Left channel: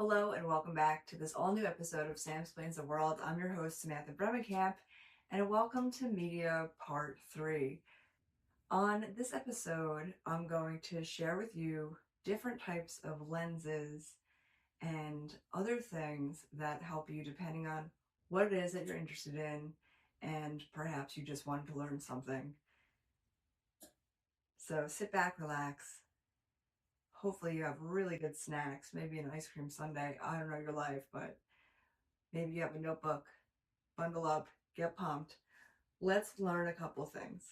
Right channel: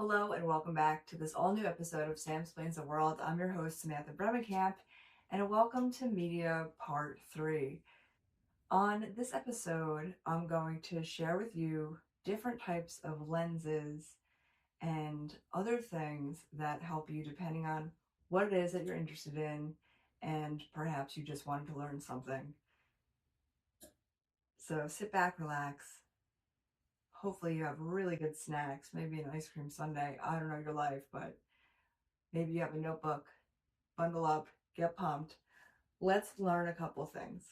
Hello and welcome back to this all new episode of Sam Explains the World. I'm your host, Samantha Bremekamp, and welcome to Media Part 3. On this episode, I'm going to share with you different types of lenses and other things that help you depending on what it is that you're interested in, and perhaps you just wanted to learn something. So sit back, relax. Hopefully you have really good snacks, maybe an ice cream sundae. I don't know your life, but maybe you have a notebook. Bundle up, get pumped. Let's learn a couple things.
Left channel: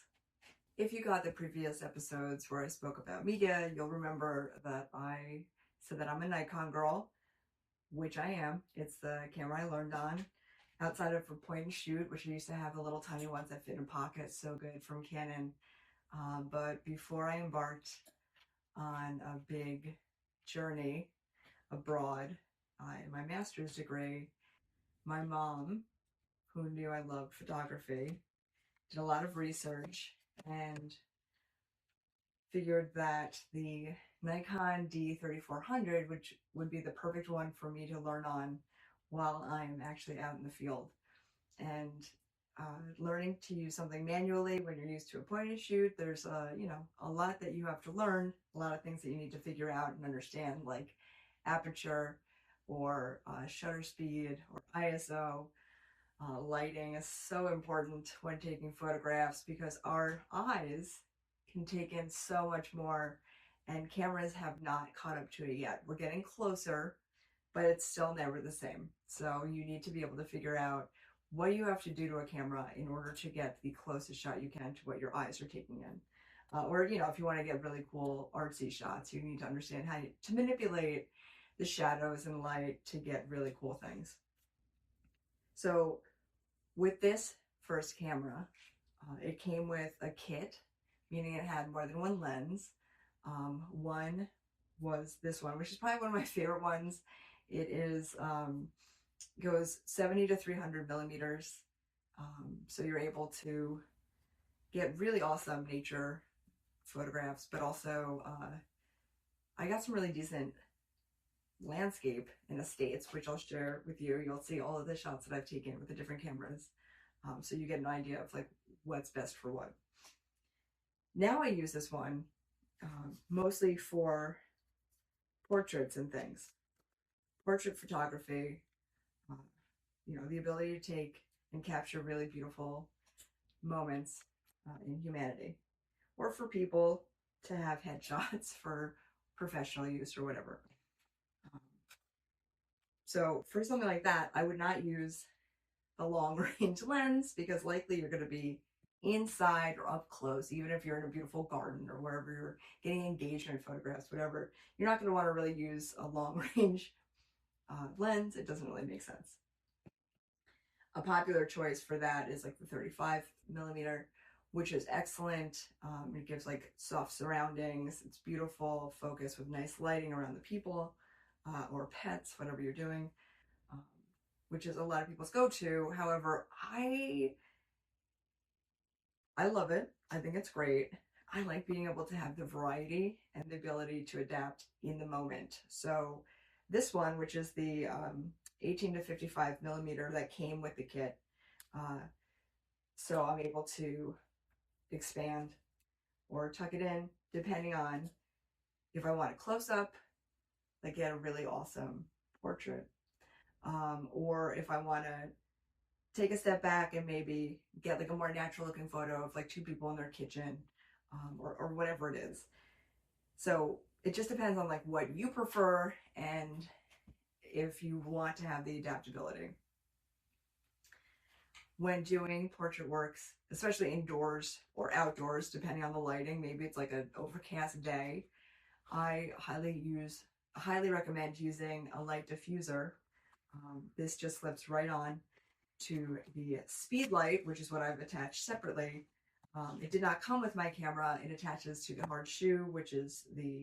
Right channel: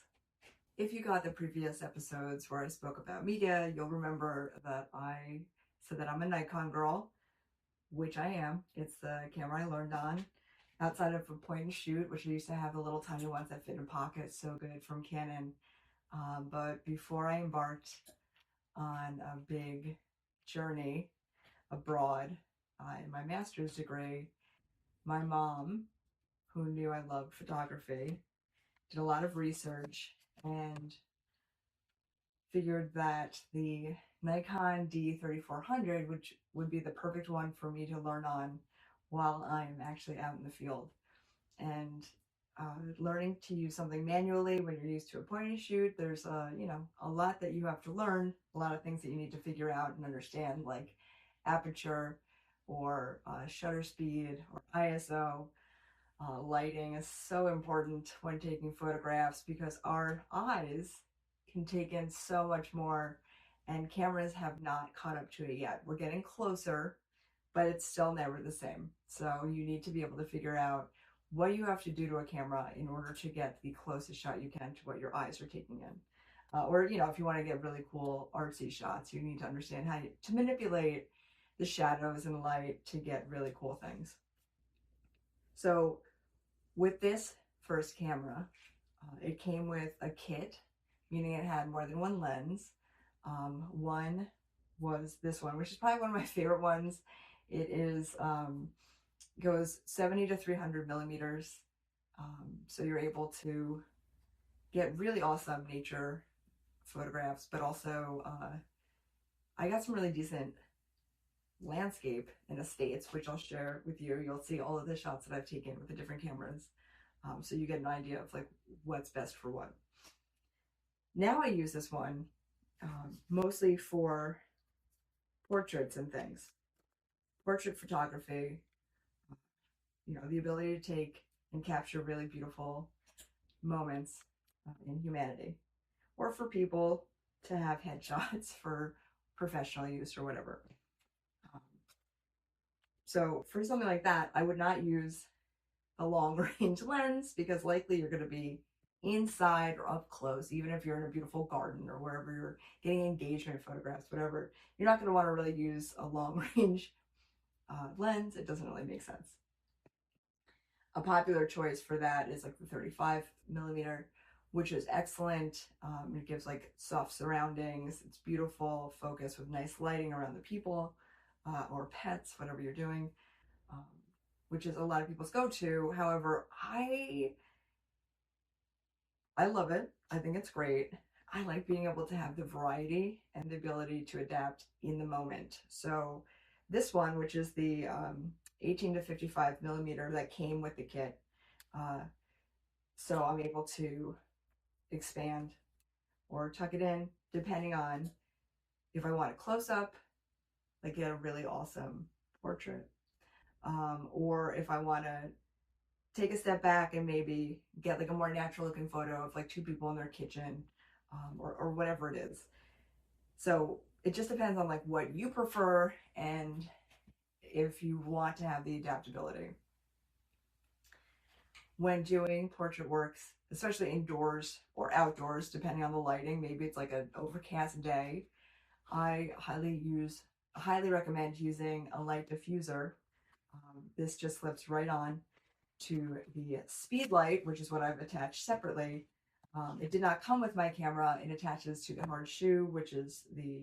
If you got the previous episodes where I spoke about media, you'll remember that I said that I'm a Nikon girl, which I am. It's the camera I learned on. Outside of a point and shoot, which I used to have the little tiny ones that fit in pockets, so good, from Canon. But before I embarked on a big journey abroad in my master's degree, my mom, who knew I loved photography, did a lot of research and figured that the Nikon D3400, which would be the perfect one for me to learn on while I'm actually out in the field. And learning to use something manually when you're used to a point and shoot, there's a lot that you have to learn, a lot of things that you need to figure out and understand, like aperture or shutter speed or ISO. Lighting is so important when taking photographs because our eyes can take in so much more, and cameras have not caught up to it yet. We're getting closer, but it's still never the same. So you need to be able to figure out what you have to do to a camera in order to get the closest shot you can to what your eyes are taking in. Or, if you want to get really cool artsy shots, you need to understand how to manipulate the shadows and light to get really cool things. So with this first camera, it came with a kit, meaning it had more than one lens. One was this one, which is probably one of my favorite ones. It is goes 70 to 300 millimeters, so you're able to get really awesome nature photographs, but also I got some really decent landscape in the States, which I'll share with you. You'll see all of the shots that I've taken with the different cameras, so you get an idea of like what's best for what. Now I use this one mostly for portraits and things, portrait photography, the ability to take and capture really beautiful moments in humanity, or for people to have headshots for professional use or whatever. So for something like that, I would not use a long range lens because likely you're going to be inside or up close, even if you're in a beautiful garden or wherever you're getting engagement photographs, whatever. You're not going to want to really use a long range lens. It doesn't really make sense. A popular choice for that is like the 35 millimeter, which is excellent. It gives like soft surroundings. It's beautiful focus with nice lighting around the people or pets, whatever you're doing, which is a lot of people's go-to. However, I love it. I think it's great. I like being able to have the variety and the ability to adapt in the moment. So this one, which is the 18 to 55 millimeter that came with the kit, so I'm able to expand or tuck it in depending on if I want a close-up, like get a really awesome portrait, or if I want to take a step back and maybe get like a more natural looking photo of like two people in their kitchen, or whatever it is. So it just depends on like what you prefer and if you want to have the adaptability. When doing portrait works, especially indoors or outdoors, depending on the lighting, maybe it's like an overcast day, I highly recommend using a light diffuser. This just slips right on to the speed light, which is what I've attached separately. It did not come with my camera. It attaches to the hard shoe, which is the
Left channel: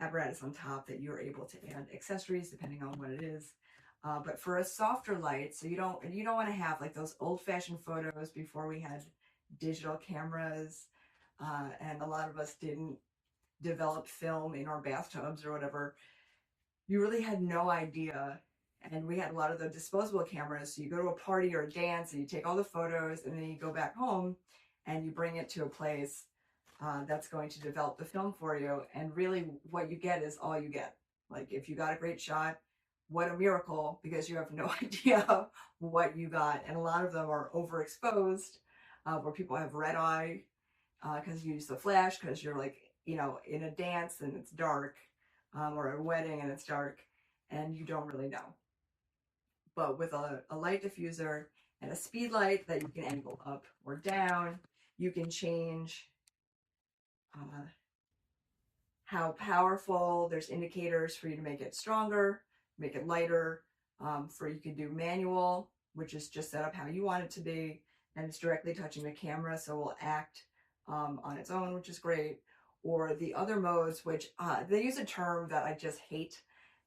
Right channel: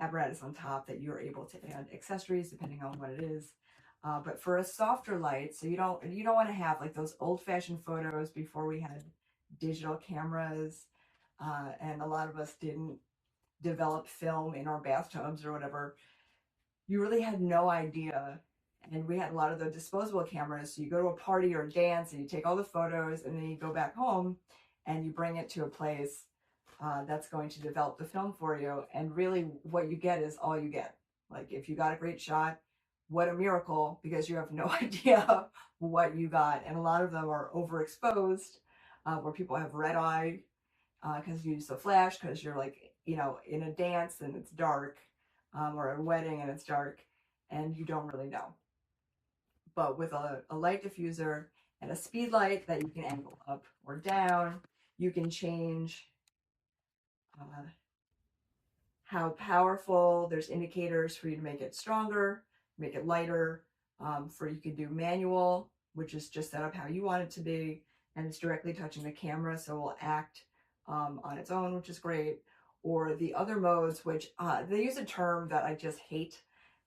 apparatus on top that you're able to add accessories depending on what it is. But for a softer light, so you don't want to have like those old-fashioned photos before we had digital cameras, and a lot of us didn't develop film in our bathtubs or whatever. you really had no idea. And we had a lot of the disposable cameras. So you go to a party or a dance and you take all the photos and then you go back home and you bring it to a place that's going to develop the film for you. And really what you get is all you get. Like if you got a great shot, what a miracle, because you have no idea what you got. And a lot of them are overexposed, where people have red eye because you use the flash, because you're like, you know, in a dance and it's dark, or a wedding and it's dark and you don't really know. But with a light diffuser and a speed light that you can angle up or down, you can change uh, how powerful. There's indicators for you to make it stronger, make it lighter. For you could do manual, which is just set up how you want it to be, and it's directly touching the camera, so it will act on its own, which is great. Or the other modes, which they use a term that I just hate,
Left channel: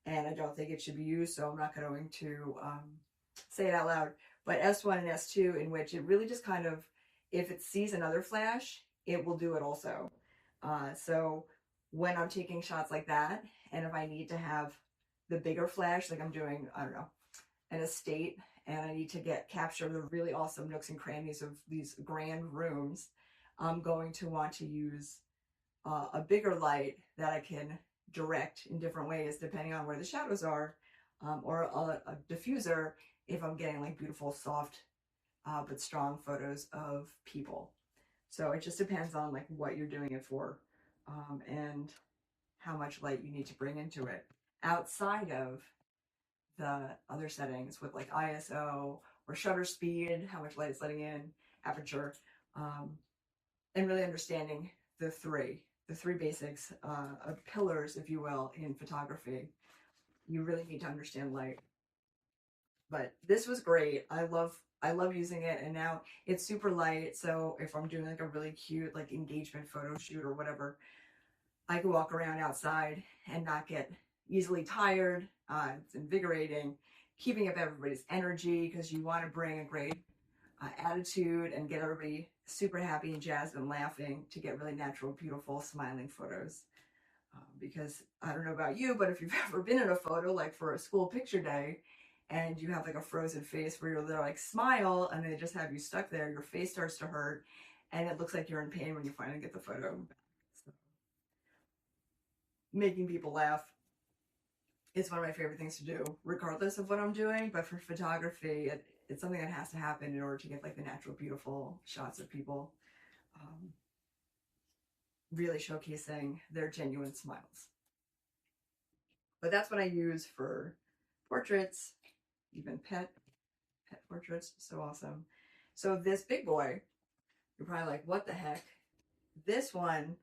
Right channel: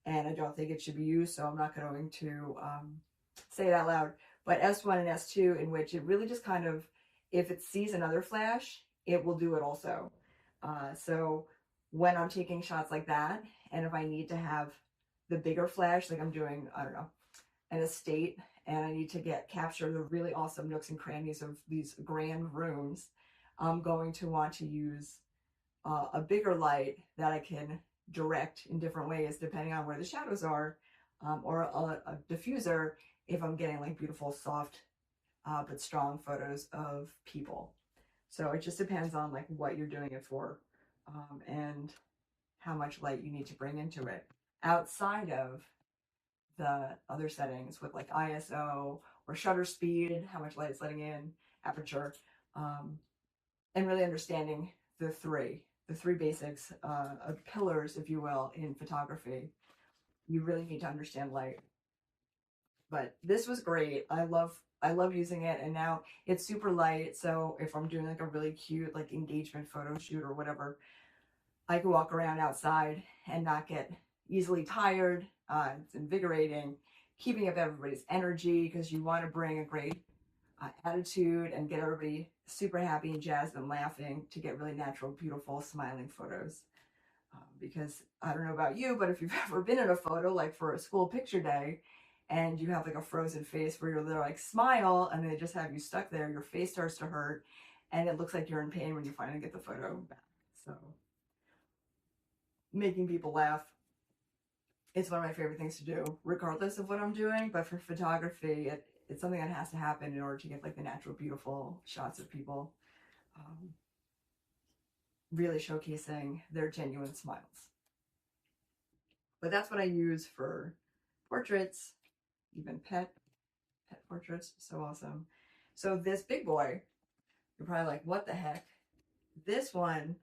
and I don't think it should be used, so I'm not going to say it out loud. But S1 and S2, in which it really just kind of, if it sees another flash, it will do it also. So when I'm taking shots like that, and if I need to have the bigger flash, like I'm doing, I don't know, an estate, and I need to capture the really awesome nooks and crannies of these grand rooms, I'm going to want to use a bigger light that I can direct in different ways depending on where the shadows are, or a diffuser if I'm getting like beautiful, soft, but strong photos of people. So it just depends on like what you're doing it for, and how much light you need to bring into it outside of the other settings with like ISO or shutter speed, how much light it's letting in, aperture, and really understanding the three basics, of pillars, if you will, in photography. You really need to understand light. But this was great. I love using it, and now it's super light. So if I'm doing like a really cute like engagement photo shoot or whatever, I can walk around outside and not get easily tired. It's invigorating, keeping up everybody's energy, because you want to bring a great attitude and get everybody super happy and jazzed and laughing to get really natural, beautiful, smiling photos. Because I don't know about you, but if you've ever been in a photo, like for a school picture day, and you have like a frozen face where you're there like smile, and they just have you stuck there, your face starts to hurt, and it looks like you're in pain when you finally get the photo back. So making people laugh is one of my favorite things to do, regardless of what I'm doing. But for photography, it's something that has to happen in order to get like the natural, beautiful shots of people, really showcasing their genuine smiles. But that's what I use for portraits, even pet portraits. So awesome. So this big boy, you're probably like, what the heck? This one,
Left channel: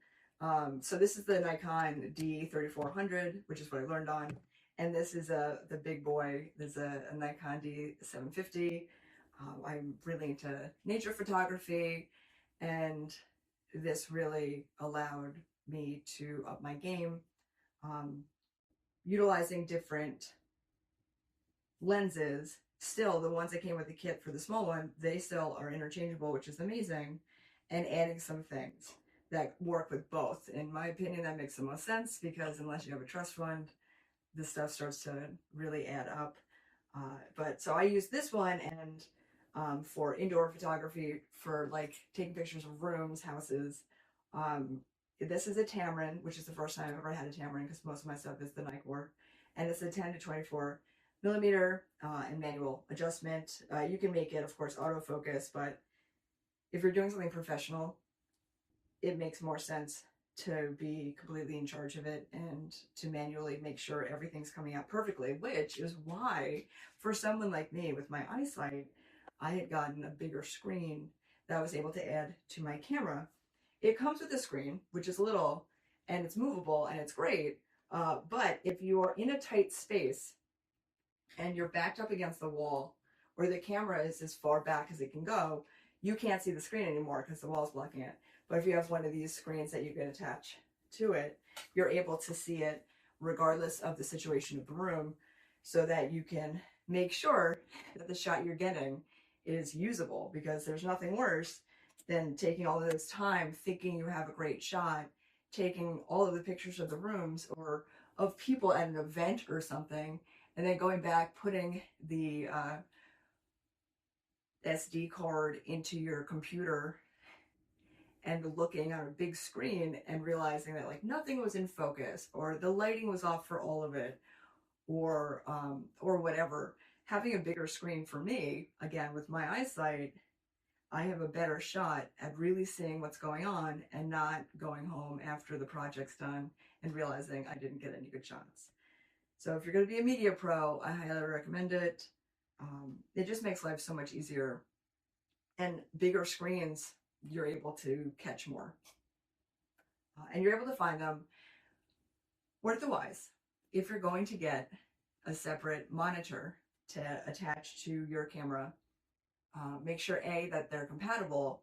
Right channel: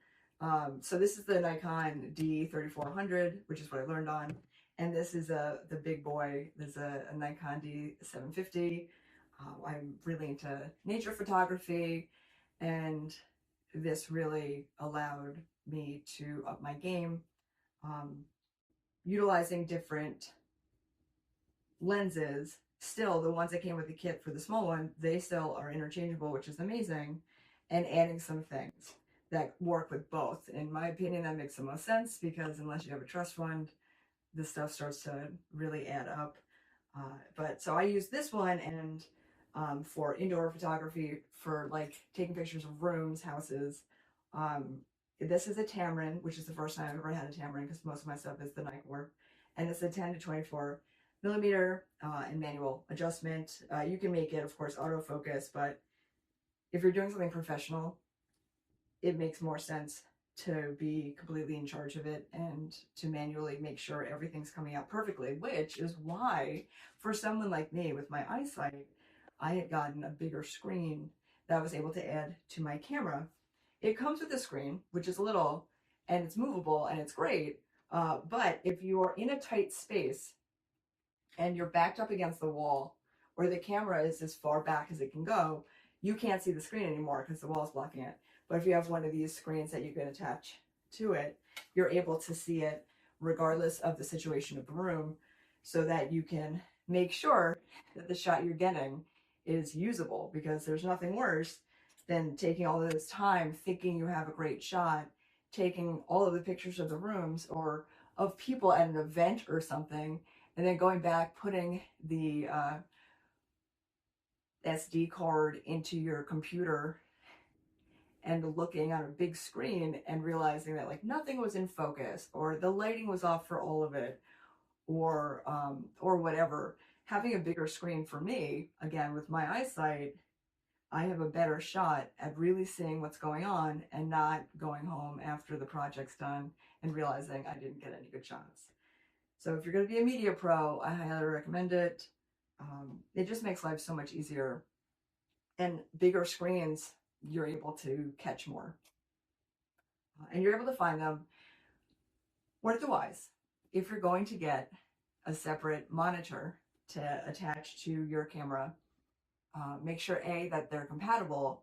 so this is the Nikon D3400, which is what I learned on. And this is the big boy. There's a Nikon D750. I'm really into nature photography, and this really allowed me to up my game, utilizing different lenses. Still, the ones that came with the kit for the small one, they still are interchangeable, which is amazing, and adding some things that work with both. In my opinion, that makes the most sense, because unless you have a trust fund, this stuff starts to really add up. But so I use this one, and for indoor photography, for like taking pictures of rooms, houses. This is a Tamron, which is the first time I've ever had a Tamron, because most of my stuff is the Nikkor, and it's a 10 to 24 millimeter, and manual adjustment. You can make it, of course, autofocus, but if you're doing something professional, it makes more sense to be completely in charge of it and to manually make sure everything's coming out perfectly, which is why for someone like me with my eyesight, I had gotten a bigger screen that I was able to add to my camera. It comes with a screen, which is little, and it's movable, and it's great. But if you're in a tight space and you're backed up against the wall, or the camera is as far back as it can go, you can't see the screen anymore because the wall is blocking it. But if you have one of these screens that you can attach to it, you're able to see it regardless of the situation of the room, so that you can make sure that the shot you're getting is usable, because there's nothing worse than taking all of this time thinking you have a great shot, taking all of the pictures of the rooms, or of people at an event or something, and then going back, putting the SD card into your computer and looking on a big screen and realizing that like nothing was in focus, or the lighting was off for all of it, or whatever. Having a bigger screen for me, again with my eyesight, I have a better shot at really seeing what's going on and not going home after the project's done and realizing I didn't get any good shots. So if you're going to be a media pro, I highly recommend it. It just makes life so much easier. And bigger screens, you're able to catch more. And you're able to find them worth-wise. If you're going to get a separate monitor to attach to your camera, make sure A, that they're compatible,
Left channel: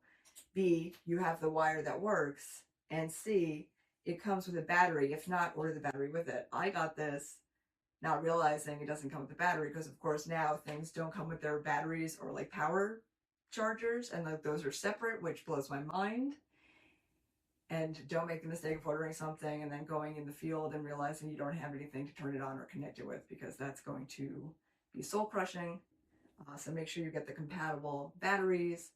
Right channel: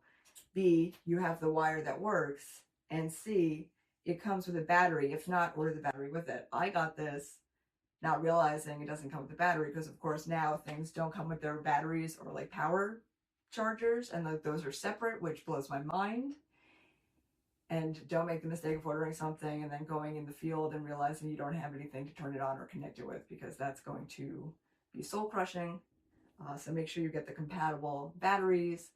B, you have the wire that works, and C, it comes with a battery. If not, order the battery with it. I got this not realizing it doesn't come with a battery, because of course now things don't come with their batteries or like power chargers, and like those are separate, which blows my mind. And don't make the mistake of ordering something and then going in the field and realizing you don't have anything to turn it on or connect it with, because that's going to be soul crushing. So make sure you get the compatible batteries,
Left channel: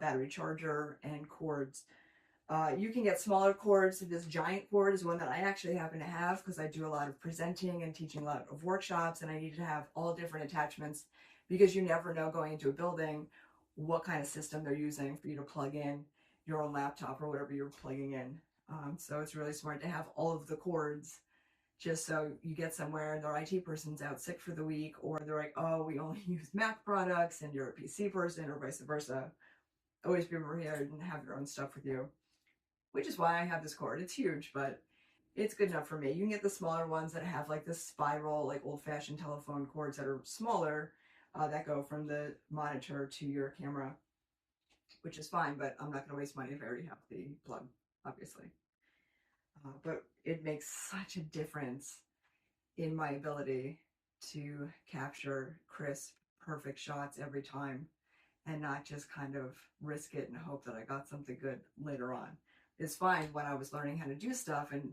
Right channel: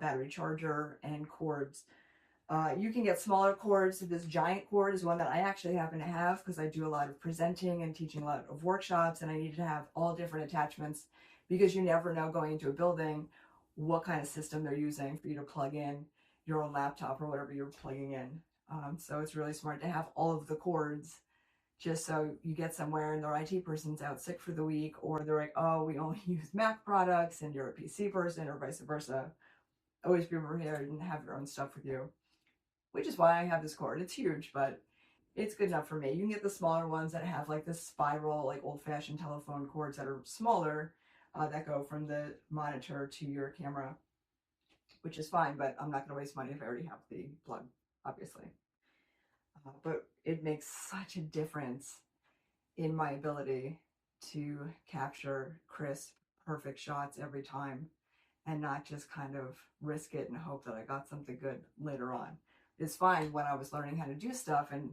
battery charger, and cords. You can get smaller cords. This giant cord is one that I actually happen to have because I do a lot of presenting and teaching a lot of workshops, and I need to have all different attachments because you never know going into a building what kind of system they're using for you to plug in your own laptop or whatever you're plugging in. So it's really smart to have all of the cords, just so you get somewhere and their IT person's out sick for the week, or they're like, oh, we only use Mac products and you're a PC person, or vice versa. Always be prepared and have your own stuff with you, which is why I have this cord. It's huge, but it's good enough for me. You can get the smaller ones that have like this spiral, like old-fashioned telephone cords that are smaller, that go from the monitor to your camera, which is fine, but I'm not going to waste money if I already have the plug, obviously. But it makes such a difference in my ability to capture crisp, perfect shots every time, and not just kind of risk it and hope that I got something good later on. It's fine when I was learning how to do stuff and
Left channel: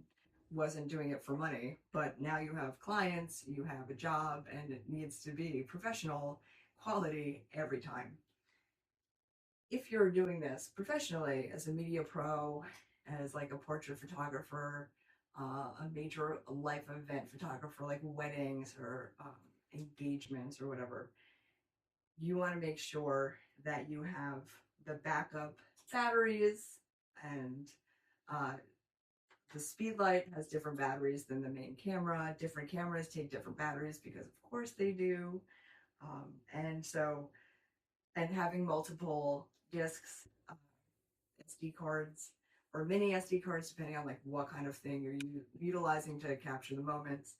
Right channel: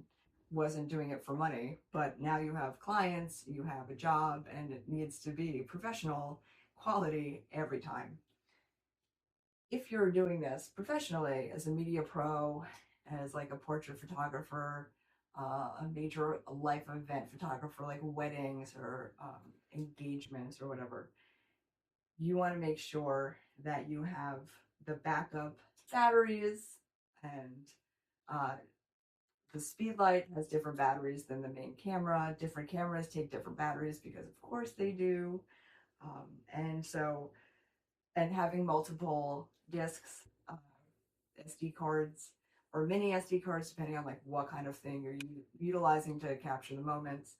wasn't doing it for money, but now you have clients, you have a job, and it needs to be professional quality every time. If you're doing this professionally as a media pro, as like a portrait photographer, a major life event photographer, like weddings or engagements or whatever, you want to make sure that you have the backup batteries, and uh, the Speedlight has different batteries than the main camera. Different cameras take different batteries because of course they do. And so, and having multiple discs, SD cards, or mini SD cards, depending on like what kind of thing you're utilizing to capture the moments.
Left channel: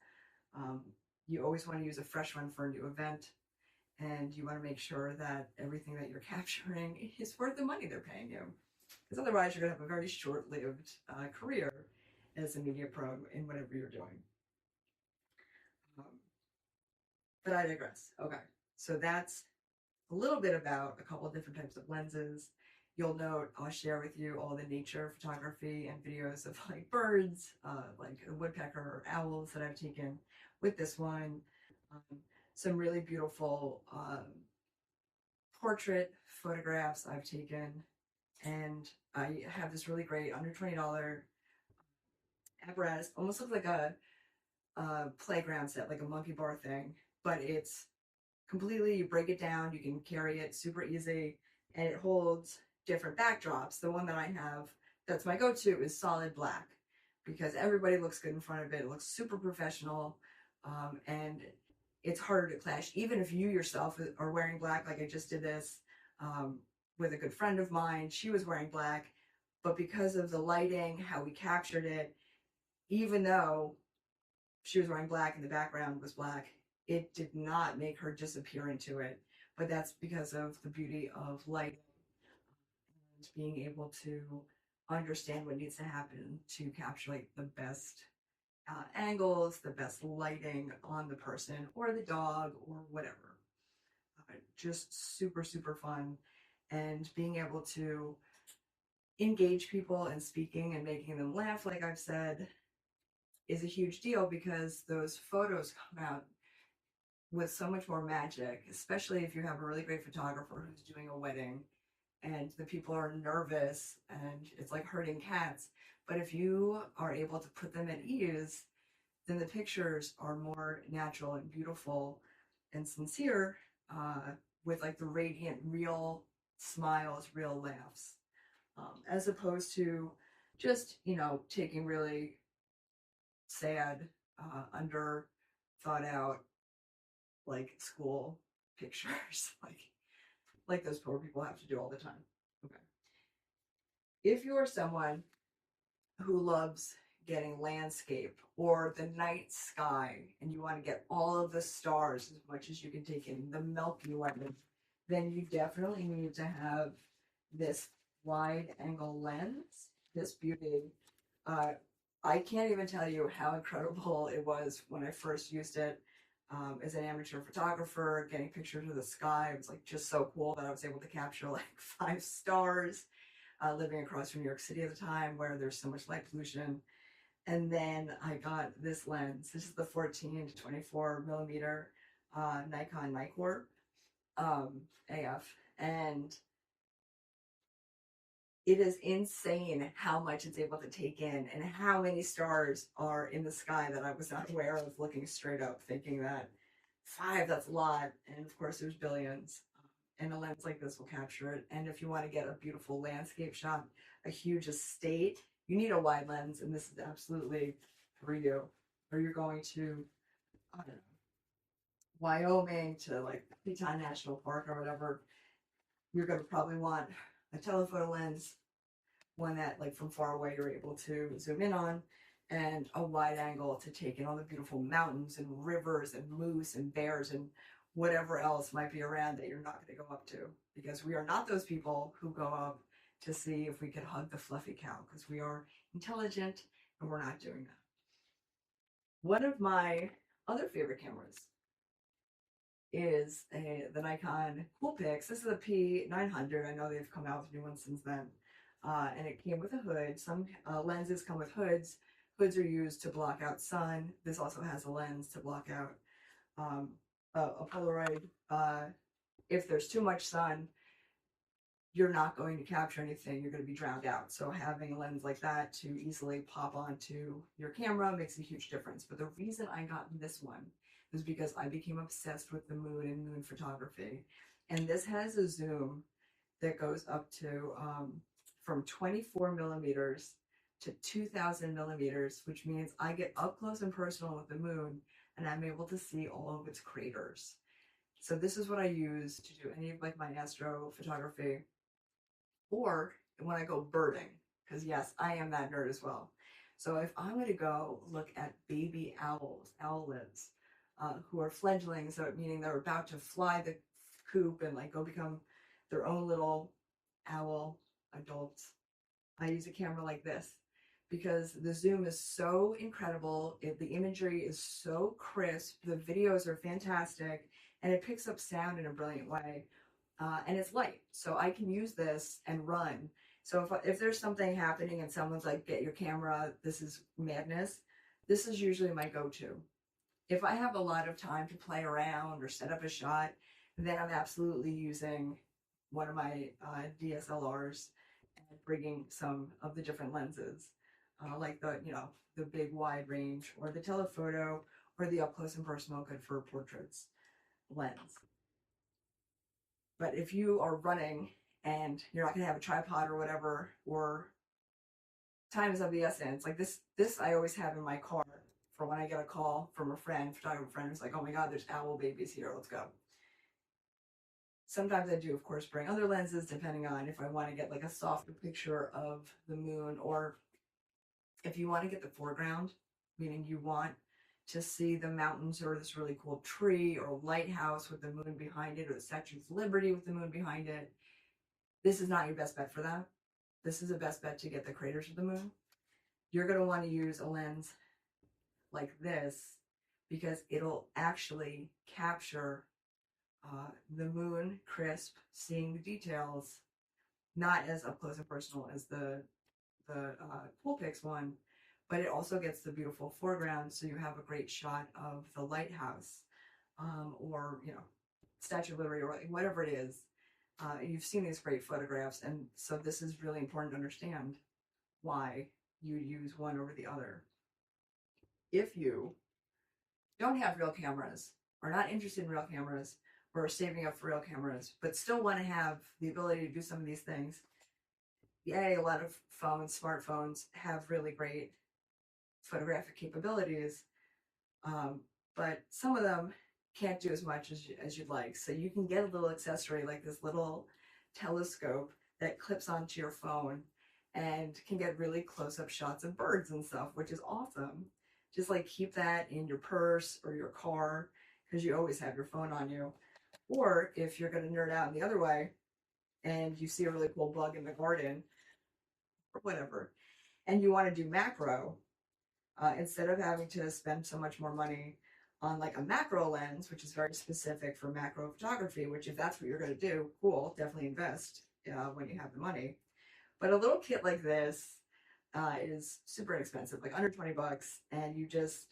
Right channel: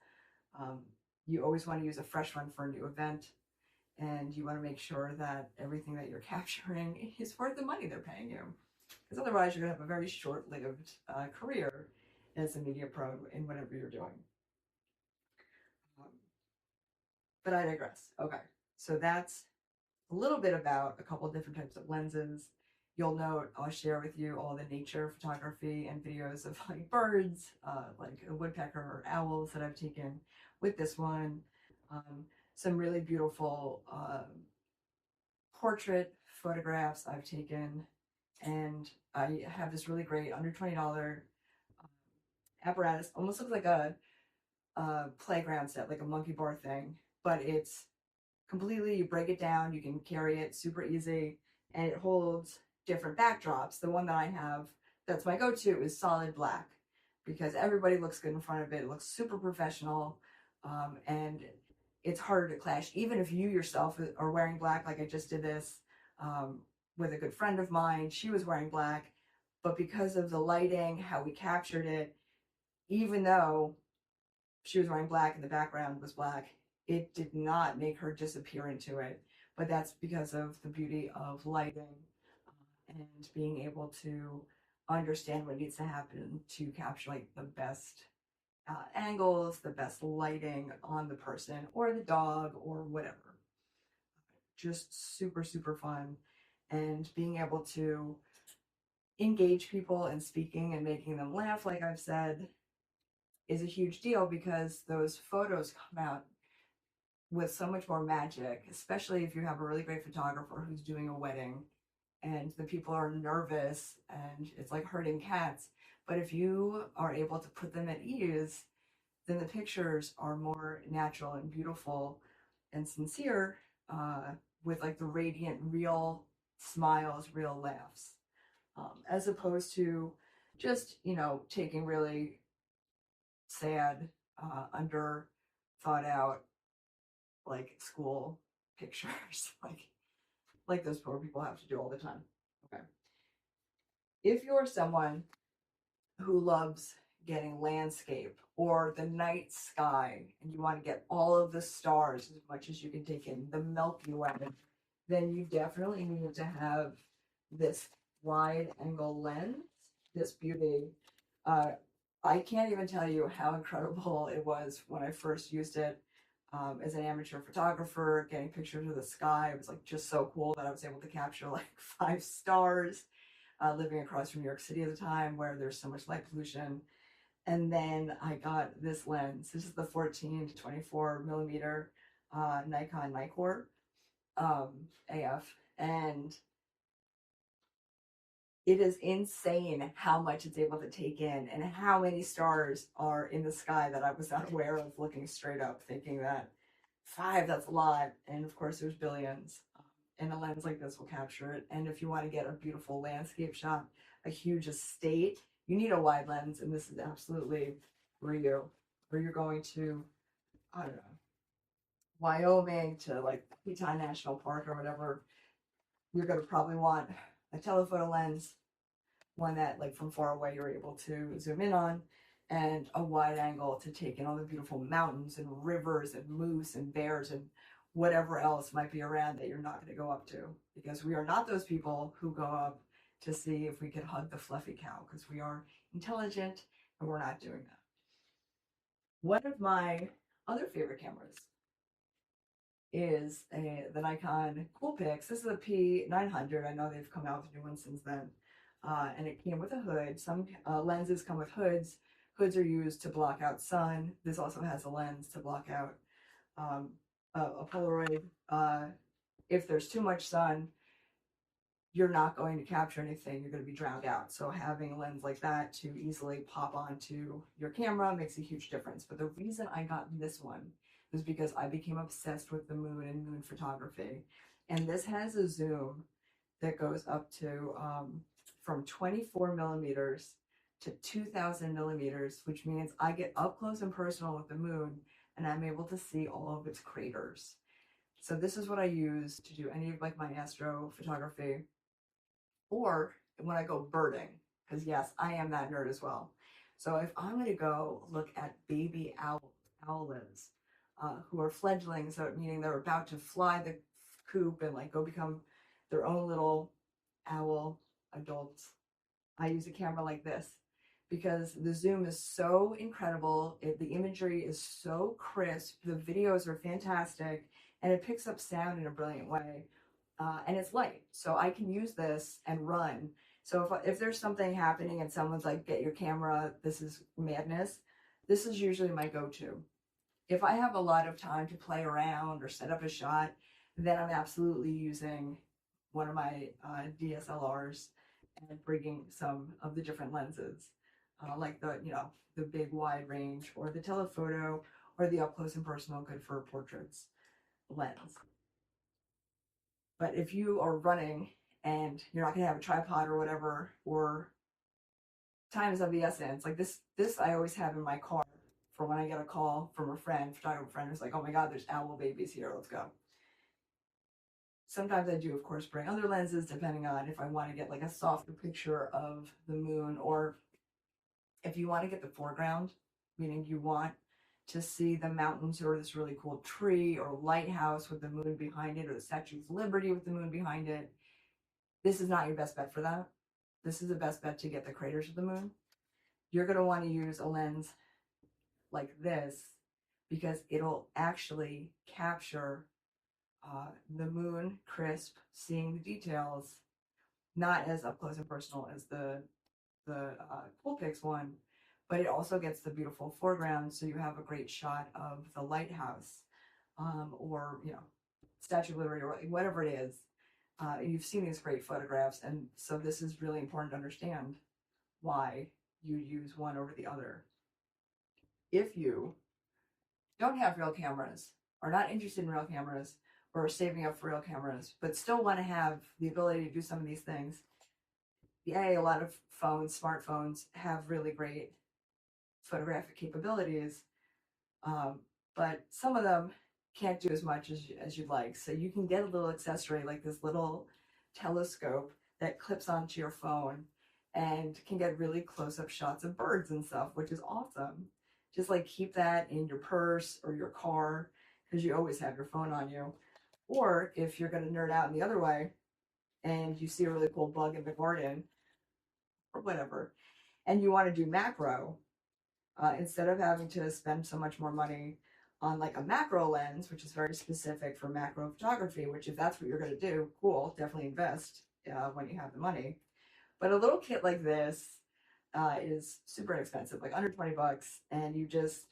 Um, you always want to use a fresh one for a new event, and you want to make sure that everything that you're capturing is worth the money they're paying you, because otherwise you're going to have a very short-lived career as a media pro in whatever you're doing. Um, but I digress. Okay, so that's a little bit about a couple of different types of lenses. You'll note I'll share with you all the nature photography and videos of like birds, like a woodpecker or owls that I've taken with this one. Um, some really beautiful portrait photographs I've taken, and I have this really great under $20 apparatus. Almost looks like a playground set, like a monkey bar thing, but it's completely, you break it down, you can carry it super easy, and it holds different backdrops. The one that I have that's my go-to is solid black, because everybody looks good in front of it. It looks super professional, and it's harder to clash. Even if you yourself are wearing black, like I just did this with a good friend of mine, she was wearing black, but because of the lighting, how we captured it, even though she was wearing black and the background was black, it did not make her disappear into it. But that's because of the beauty of lighting, and being able to understand what needs to happen to capture like the best angles, the best lighting on the person or the dog or whatever. Just super, super fun. And being able to engage people in speaking and making them laugh, like I've said, is a huge deal because those photos come out with so much more magic, especially if you have a really great photographer who's doing a wedding and the people are nervous and it's like herding cats. But if you are able to put them at ease, then the pictures are more natural and beautiful and sincere, with like the radiant, real smiles, real laughs, as opposed to just, taking really sad, under thought out, like school pictures, like those poor people have to do all the time. Okay. If you're someone who loves getting landscape or the night sky and you want to get all of the stars as much as you can take in the Milky Way, then you definitely need to have this wide angle lens, this beauty. Uh, I can't even tell you how incredible it was when I first used it, as an amateur photographer, getting pictures of the sky. It was like just so cool that I was able to capture like 5 stars, living across from New York City at the time where there's so much light pollution. And then I got this lens. This is the 14 to 24 millimeter Nikon Nikkor, AF. And it is insane how much it's able to take in and how many stars are in the sky that I was not aware of, looking straight up, thinking that 5, that's a lot. And of course, there's billions. And a lens like this will capture it. And if you want to get a beautiful landscape shot, a huge estate, you need a wide lens. And this is absolutely for you. Or you're going to, I don't know, Wyoming to like Teton National Park or whatever, you're going to probably want a telephoto lens, one that like from far away you're able to zoom in on, and a wide angle to take in all the beautiful mountains and rivers and moose and bears and whatever else might be around that you're not going to go up to, because we are not those people who go up to see if we could hug the fluffy cow, because we are intelligent and we're not doing that. One of my other favorite cameras is the Nikon Coolpix. This is a P900. I know they've come out with new ones since then. And it came with a hood. Some lenses come with hoods. Hoods are used to block out sun. This also has a lens to block out a Polaroid. If there's too much sun, you're not going to capture anything. You're going to be drowned out. So having a lens like that to easily pop onto your camera makes a huge difference. But the reason I got this one was because I became obsessed with the moon and moon photography. And this has a zoom that goes up to from 24 millimeters to 2000 millimeters, which means I get up close and personal with the moon and I'm able to see all of its craters. So this is what I use to do any of like my astro photography, or when I go birding, because yes, I am that nerd as well. So if I'm going to go look at baby owls, owlets, who are fledglings, so meaning they're about to fly the coop and like go become their own little owl adults, I use a camera like this because the zoom is so incredible. The imagery is so crisp. The videos are fantastic, and it picks up sound in a brilliant way. And it's light, so I can use this and run. So if there's something happening and someone's like, "Get your camera, this is madness," this is usually my go-to. If I have a lot of time to play around or set up a shot, then I'm absolutely using one of my DSLRs and bringing some of the different lenses, like the big wide range or the telephoto or the up close and personal, good for portraits lens. But if you are running and you're not going to have a tripod or whatever, or time is of the essence, like this I always have in my car for when I get a call from a friend, photographer friend, who's like, "Oh my God, there's owl babies here, let's go." Sometimes I do, of course, bring other lenses depending on if I want to get like a softer picture of the moon, or if you want to get the foreground, meaning you want to see the mountains or this really cool tree or lighthouse with the moon behind it, or the Statue of Liberty with the moon behind it. This is not your best bet for that. This is the best bet to get the craters of the moon. You're going to want to use a lens like this because it'll actually capture the moon crisp, seeing the details, not as up close and personal as the Coolpix one, but it also gets the beautiful foreground, so you have a great shot of the lighthouse, or Statue of Liberty, or whatever it is. You've seen these great photographs, and so this is really important to understand why you use one over the other. If you don't have real cameras, are not interested in real cameras, or are saving up for real cameras, but still want to have the ability to do some of these things, a lot of smartphones have really great photographic capabilities, but some of them can't do as much as you'd like. So you can get a little accessory like this little telescope that clips onto your phone and can get really close-up shots of birds and stuff, which is awesome. Just like keep that in your purse or your car, because you always have your phone on you. Or if you're going to nerd out in the other way and you see a really cool bug in the garden or whatever, and you want to do macro, instead of having to spend so much more money on like a macro lens, which is very specific for macro photography, which if that's what you're going to do, cool, definitely invest when you have the money. But a little kit like this is super inexpensive, like under 20 bucks, and you just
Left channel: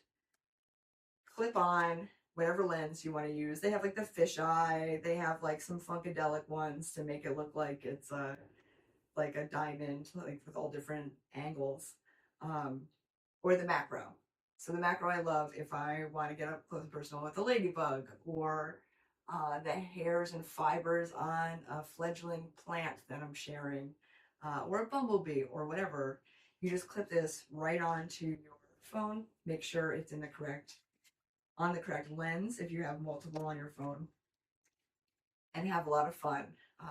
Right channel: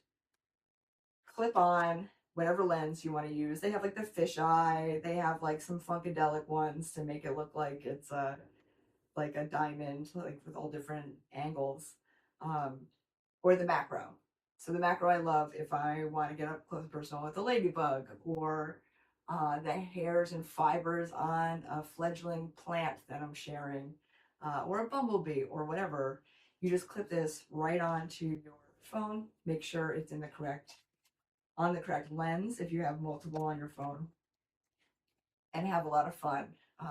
clip on whatever lens you want to use. They have like the fisheye, they have like some funkadelic ones to make it look like it's like a diamond, like with all different angles, or the macro. So the macro I love if I want to get up close and personal with a ladybug, or the hairs and fibers on a fledgling plant that I'm sharing, or a bumblebee or whatever. You just clip this right onto your phone. Make sure it's on the correct lens if you have multiple on your phone, and have a lot of fun.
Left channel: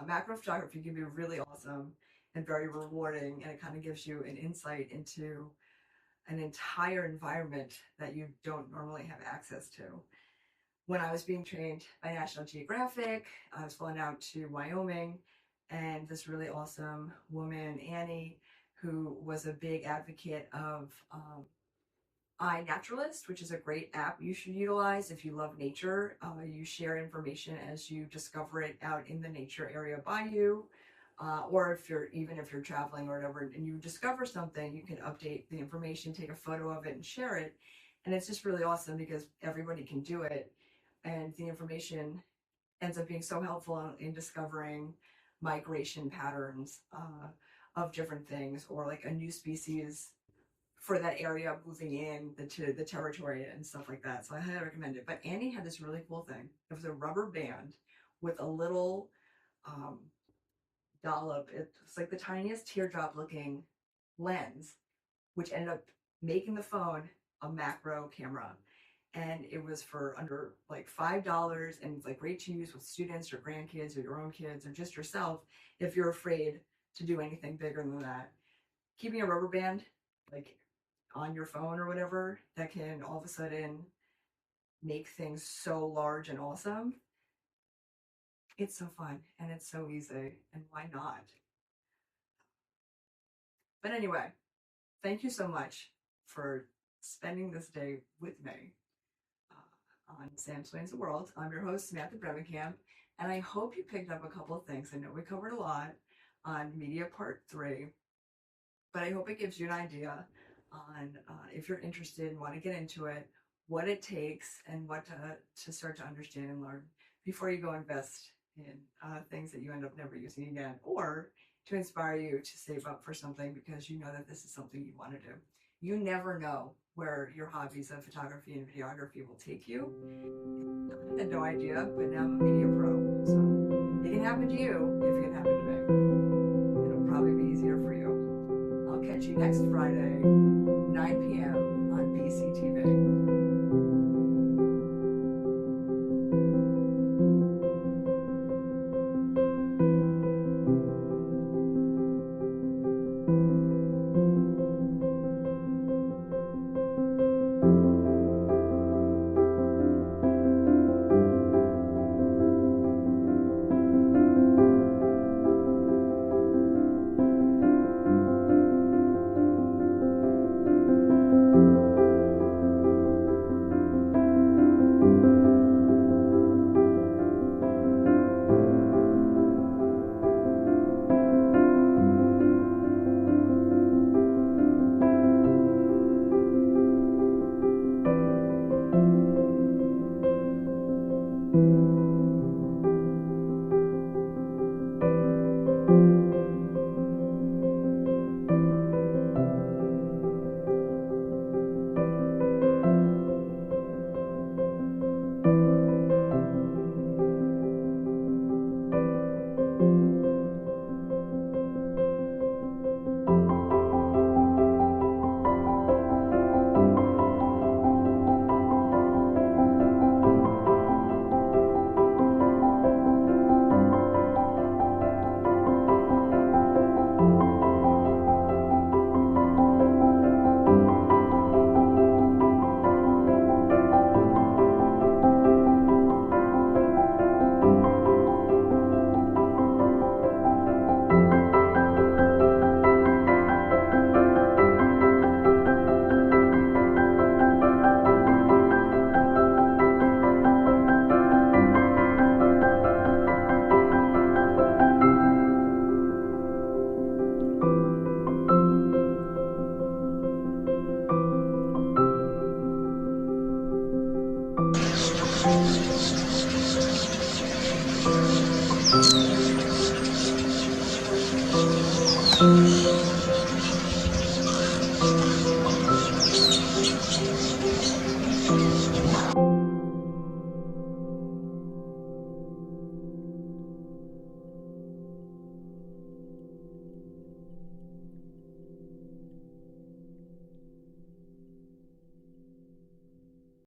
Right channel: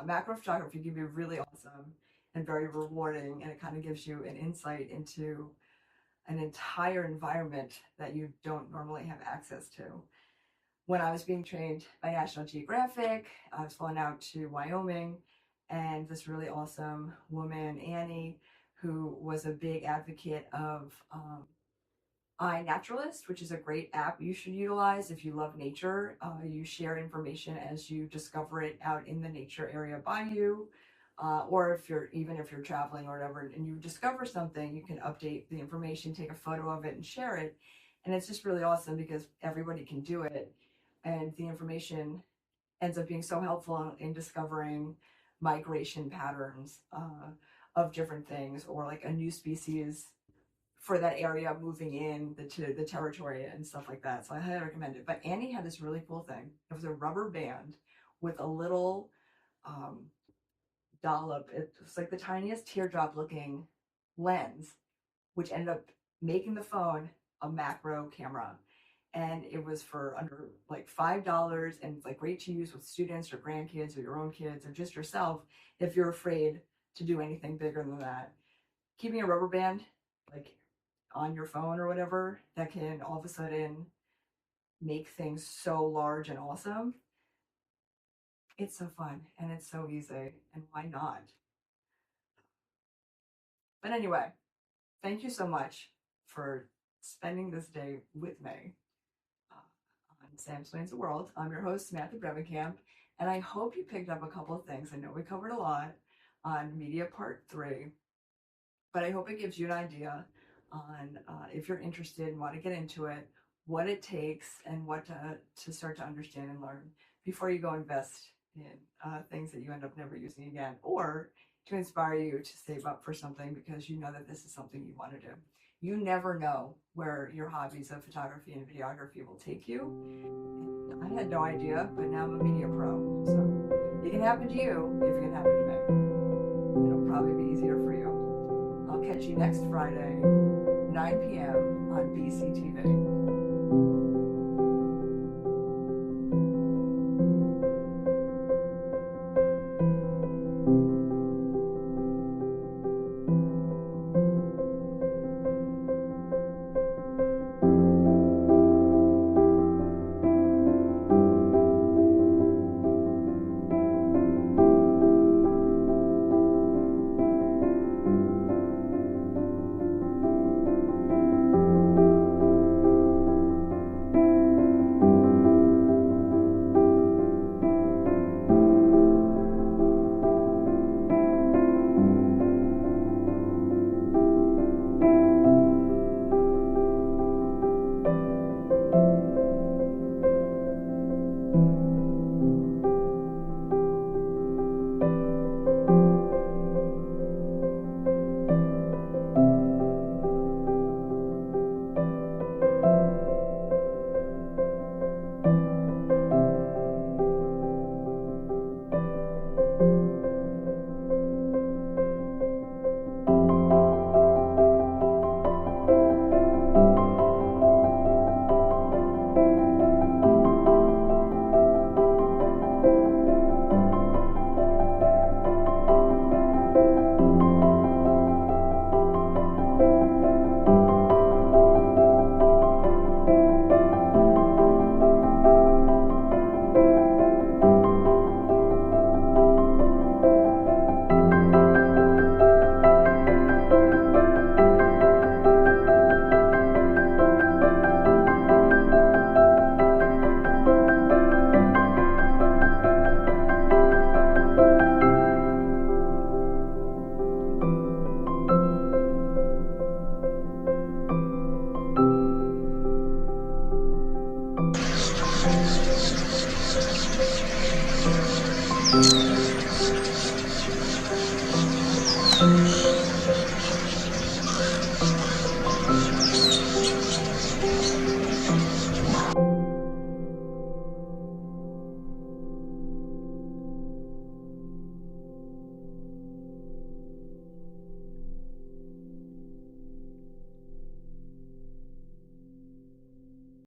Macro photography can be really awesome and very rewarding, and it kind of gives you an insight into an entire environment that you don't normally have access to. When I was being trained by National Geographic, I was flown out to Wyoming, and this really awesome woman, Annie, who was a big advocate of iNaturalist, which is a great app you should utilize if you love nature. You share information as you discover it out in the nature area by you, or if you're traveling or whatever, and you discover something, you can update the information, take a photo of it, and share it. And it's just really awesome because everybody can do it, and the information ends up being so helpful in discovering migration patterns of different things, or like a new species for that area moving in the territory and stuff like that. So I highly recommend it. But Annie had this really cool thing. It was a rubber band with a little dollop. It was like the tiniest teardrop looking lens, which ended up making the phone a macro camera. And it was for under like $5, and it's like great to use with students or grandkids or your own kids or just yourself if you're afraid to do anything bigger than that. Keeping a rubber band like on your phone or whatever, that can all of a sudden make things so large and awesome. It's so fun and it's so easy, and why not? But anyway, thank you so much for spending this day with me on Sam Explains the World. I'm your host, Samantha Bremekamp, and I hope you picked up a couple of things. I know we covered a lot on media part 3, but I hope it gives you an idea on if you're interested and want to get into it, what it takes, and what to start to understand and learn before you go invest in things that you end up never using again, or to inspire you to save up for something because you know that this is something you want to do. You never know where your hobbies of photography and videography will take you. I had no idea, but now I'm a media pro. So it can happen to you if it can happen to me. It'll probably be easier for you. I'll catch you next Friday, 9 p.m. on BCTV.